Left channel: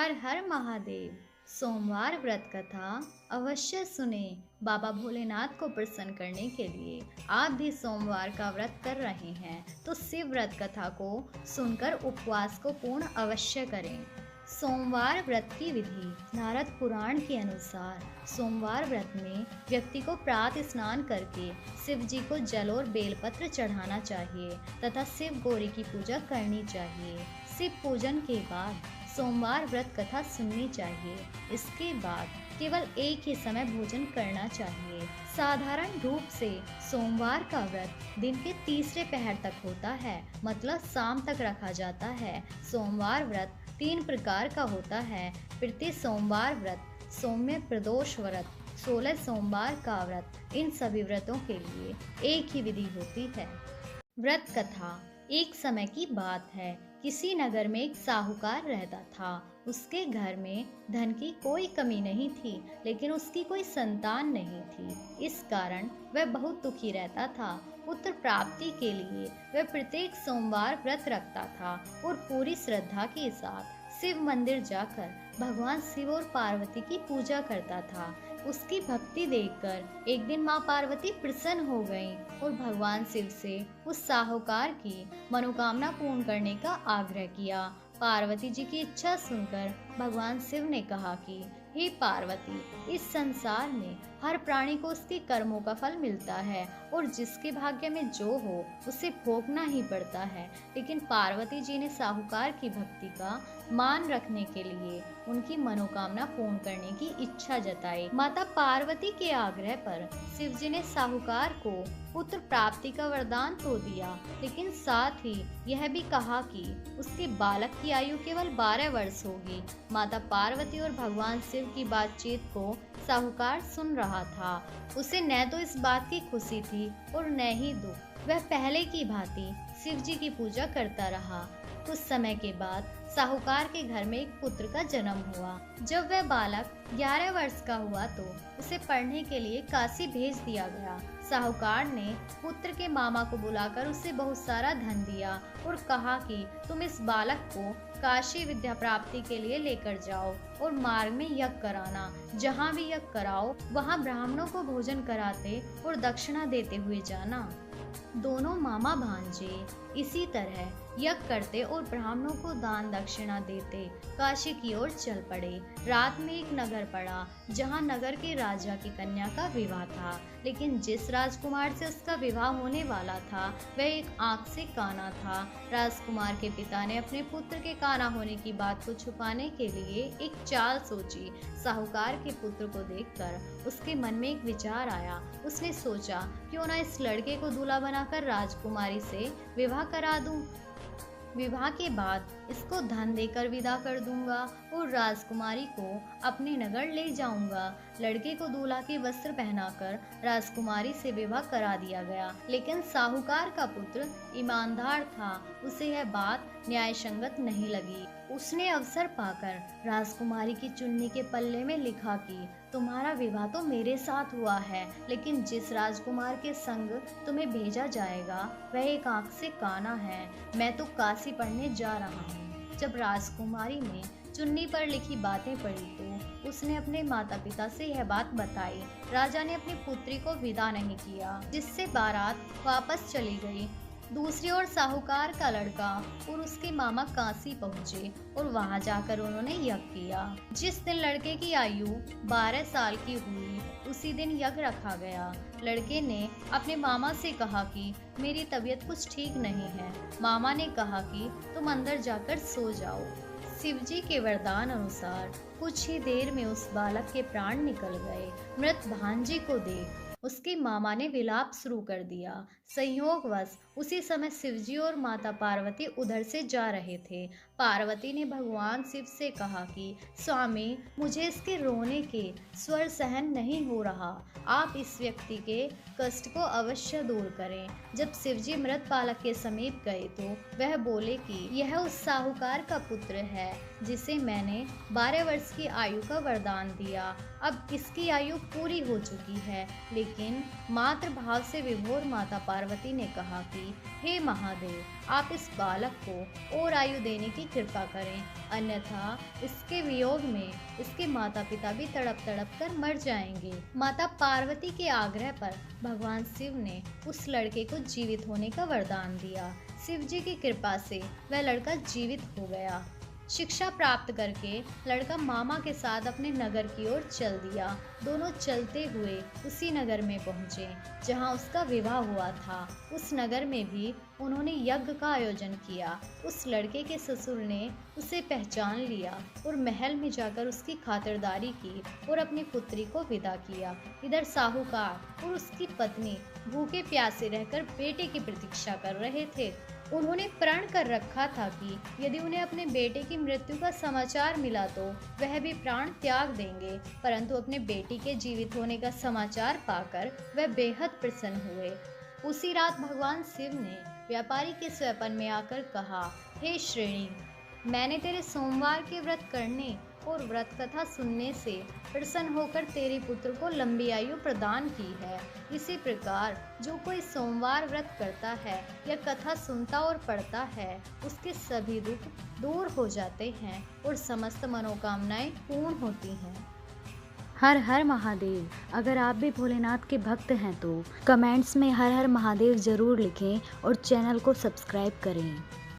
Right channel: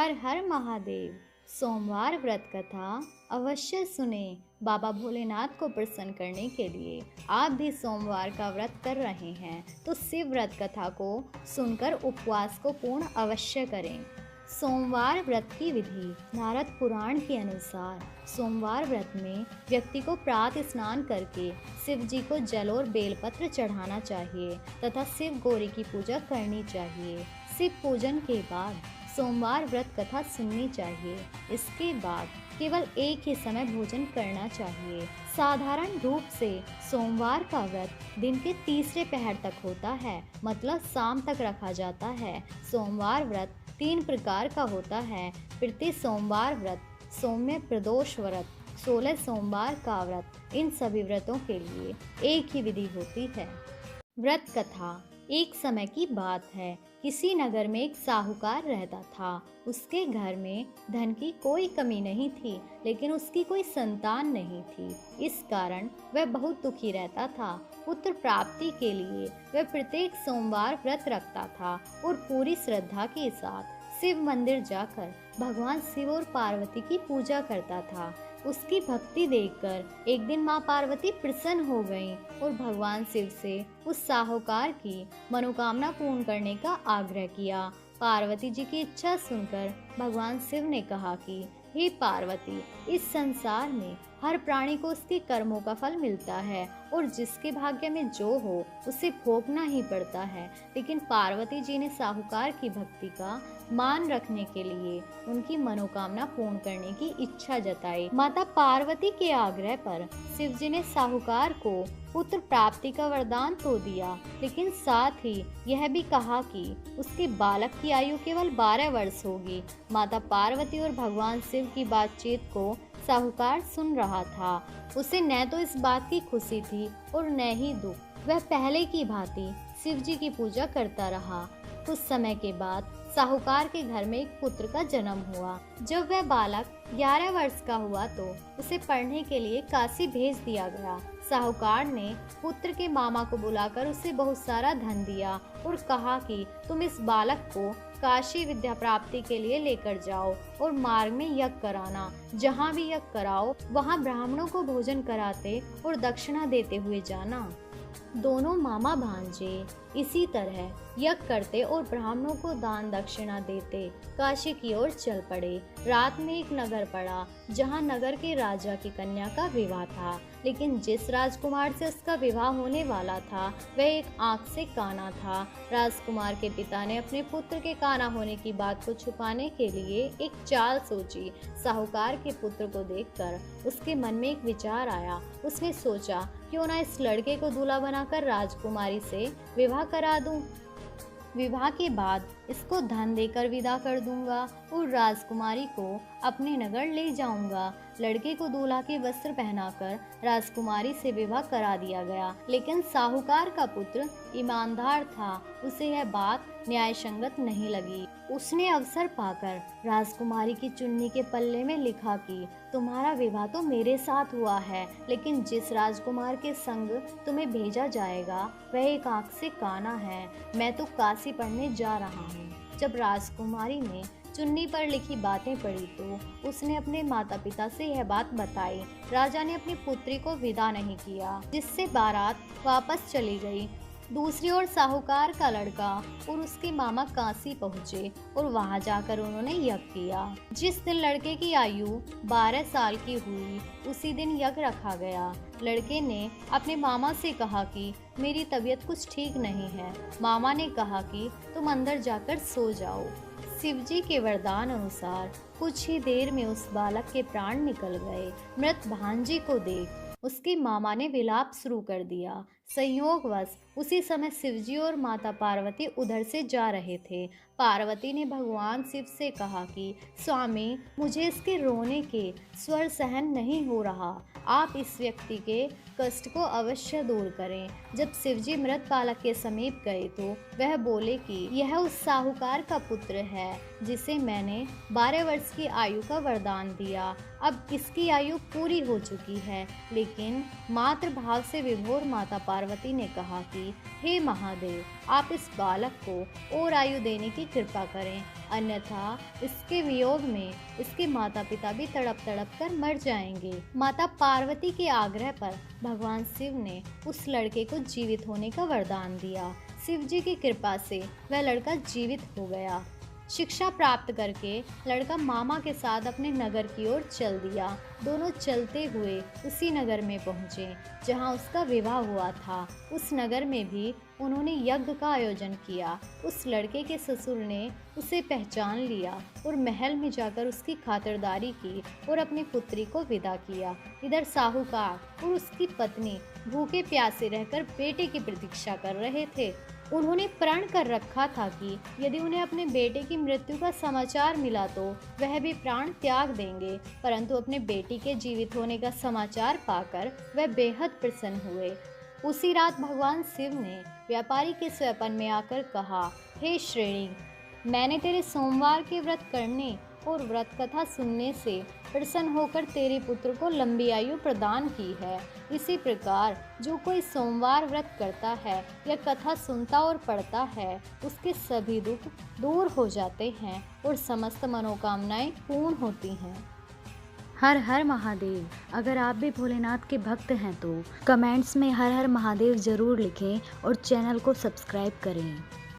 हर हर महादेव। सोमवार व्रत कथा अवश्य सुने। बाबा भोलेनाथ को प्रसन्न करने के लिए आप भी सोमवार का व्रत कर रहे हैं तो शिव व्रत कथा को सुनकर उपवास को पूर्ण अवश्य करें। सोमवार व्रत की विधि। नारद पुराण के अनुसार सोमवार व्रत में व्यक्ति को प्रातः स्नान करके शिव जी को जल और बेलपत्र चढ़ाना चाहिए तथा शिव गौरी की पूजा करनी चाहिए। शिव पूजन के बाद सोमवार व्रत कथा सुननी चाहिए। इसके बाद केवल एक ही समय भोजन करना चाहिए। साधारण रूप से सोमवार का व्रत दिन के तीसरे पहर तक होता है, मतलब शाम तक रखा जाता है। सोमवार व्रत 3 प्रकार का होता है। प्रति सोमवार व्रत, सौम्य प्रदोष व्रत, 16 सोमवार का व्रत। इन सभी व्रतों के लिए एक ही विधि होती है। व्रत कथा। एक समय की बात है, किसी नगर में एक साहूकार रहता था। उसके घर में धन की कोई कमी नहीं थी, लेकिन उसकी कोई संतान नहीं थी। इस कारण वह बहुत दुखी रहता था। पुत्र प्राप्ति के लिए वह प्रत्येक सोमवार व्रत रखता था और पूरी श्रद्धा के साथ शिव मंदिर जाकर भगवान शिव और पार्वती की पूजा करता था। उसकी भक्ति देखकर एक दिन माँ पार्वती प्रसन्न हो गईं और भगवान शिव से उस साहूकार की मनोकामना पूर्ण करने का आग्रह किया। पार्वती जी की इच्छा सुनकर भगवान शिव ने कहा कि हे पार्वती, इस संसार में हर प्राणी को उसके कर्मों का फल मिलता है और जिसके भाग्य में जो हो उसे भोगना ही पड़ता है। लेकिन पार्वती जी ने साहूकार की भक्ति का मान रखने के लिए उनकी मनोकामना पूर्ण करने की इच्छा जताई। माता पार्वती के आग्रह पर शिव जी ने साहूकार को पुत्र प्राप्ति का वरदान तो दिया, लेकिन साथ ही यह भी कहा कि उसके बालक की आयु केवल 12 वर्ष होगी। माता पार्वती और भगवान शिव की बातचीत को साहूकार सुन रहा था। उसे न तो इस बात की खुशी थी और न ही दुख। वह पहले की भांति शिव जी की पूजा करता रहा। कुछ समय के बाद साहूकार के घर में एक पुत्र का जन्म हुआ। जब वह बालक 11 वर्ष का हुआ तो उसे पढ़ने के लिए काशी भेज दिया गया। साहूकार ने पुत्र के मामा को बुलाकर उसे बहुत सारा धन दिया और कहा कि तुम इस बालक को काशी विद्या प्राप्ति के लिए लेकर जाओ और मार्ग में यज्ञ कराना। जहाँ भी यज्ञ कराओ वहाँ ब्राह्मणों को भोजन कराते और दक्षिणा देते हुए जाना। दोनों मामा भांजे इसी तरह यज्ञ करते और ब्राह्मणों को दान दक्षिणा देते काशी की ओर चल पड़े। रात में एक नगर पड़ा जहाँ नगर के राजा की कन्या का विवाह था, लेकिन जिस राजकुमार से उसका विवाह होने वाला था वह एक आंख से काना था। राजकुमार के पिता ने अपने पुत्र के काना होने की बात को छुपाने के लिए एक चाल सोची। साहूकार के पुत्र को देखकर उसके मन में एक विचार आया। उसने सोचा, क्यों ना इस लड़के को दूल्हा बनाकर राजकुमारी से विवाह करा दूं। विवाह के बाद इसको धन देकर विदा कर दूंगा और राजकुमारी को अपने नगर ले जाऊंगा। लड़के को दूल्हा के वस्त्र पहनाकर राजकुमारी से विवाह करा दिया गया, लेकिन साहूकार का पुत्र ईमानदार था। उसे यह बात न्याय संगत नहीं लगी। उसने अवसर पाकर राजकुमारी की चुन्नी के पल्ले में लिखा कि तुम्हारा विवाह तो मेरे साथ हुआ है, लेकिन जिस राजकुमार के संग तुम्हें भेजा जाएगा वह एक आंख से काना है। मैं तो काशी पढ़ने जा रहा हूँ। जब राजकुमारी ने चुन्नी पर लिखी बातें पढ़ी तो उसने अपने माता पिता से यह बात बताई। राजा ने अपनी पुत्री को विदा नहीं किया, जिससे बारात वापस चली गई। दूसरी ओर साहूकार का लड़का और उसके मामा काशी पहुँचे और वहां जाकर उन्होंने यज्ञ किया। जिस दिन लड़के की आयु 12 साल की हुई उसी दिन यज्ञ रखा गया। लड़के ने अपने मामा से कहा कि मेरी तबीयत कुछ ठीक नहीं है। मामा ने कहा कि तुम अंदर जाकर सो जाओ। शिवजी के वरदान अनुसार कुछ ही देर में उस बालक के प्राण निकल गए। मृत भांजी को देख उसके मामा ने विलाप शुरू कर दिया। संयोगवश उसी समय शिवजी और माता पार्वती उधर से जा रहे थे। पार्वती ने भगवान शिव से कहा कि स्वामी, मुझे इसके रोने के स्वर सहन नहीं हो रहा। आप इस व्यक्ति के कष्ट को अवश्य दूर करें। जब शिवजी मृत बालक के समीप गए तो वह बोले कि यह उस साहूकार का पुत्र है जिसे मैंने 12 वर्ष की आयु का वरदान दिया। अब इसकी आयु पूरी हो चुकी है, लेकिन मातृ भाव से विभोर माता पार्वती ने कहा कि हे महादेव, आप इस बालक को और आयु देने की कृपा करें, अन्यथा इसके वियोग में इसके माता पिता भी तड़प तड़प कर मर जाएंगे। माता पार्वती के आग्रह पर भगवान शिव ने उस लड़के को जीवित होने का वरदान दिया। शिव जी की कृपा से वह लड़का जीवित हो गया। शिक्षा प्राप्त करके लड़का मामा के साथ अपने नगर की ओर चल दिया। दोनों चलते हुए उसी नगर में पहुँचे जहाँ उसका विवाह हुआ था। उस नगर में भी उन्होंने यज्ञ का आयोजन किया। उस लड़के के ससुर ने उसे पहचान लिया और महल में जाकर उसकी खातिरदारी की और अपनी पुत्री को विदा किया। इधर साहूकार और उसकी पत्नी भूखे प्यासे रहकर बेटे की प्रतीक्षा कर रहे थे। उन्होंने प्रण कर रखा था कि यदि उन्हें अपने बेटे की मृत्यु का समाचार मिला तो वह भी प्राण त्याग देंगे, परंतु अपने बेटी के जीवित होने का समाचार पाकर वह बेहद प्रसन्न हुए। उसी रात भगवान शिव ने व्यापारी के स्वप्न में आकर कहा, हे श्रेणी, मैंने तेरे सोमवार के व्रत करने और व्रत कथा सुनने से प्रसन्न होकर तेरे पुत्र को लंबी आयु प्रदान की है। इसी प्रकार जो कोई सोमवार व्रत करता है या कथा सुनता और पढ़ता है, उसके सभी दुख दूर हो जाते हैं और समस्त मनोकामनाएं पूर्ण होती हैं। हर हर महादेव। अगर आप भी भोलेनाथ के भक्त हैं तो कमेंट्स में हर हर महादेव ज़रूर लिखें और चैनल को सब्सक्राइब करें।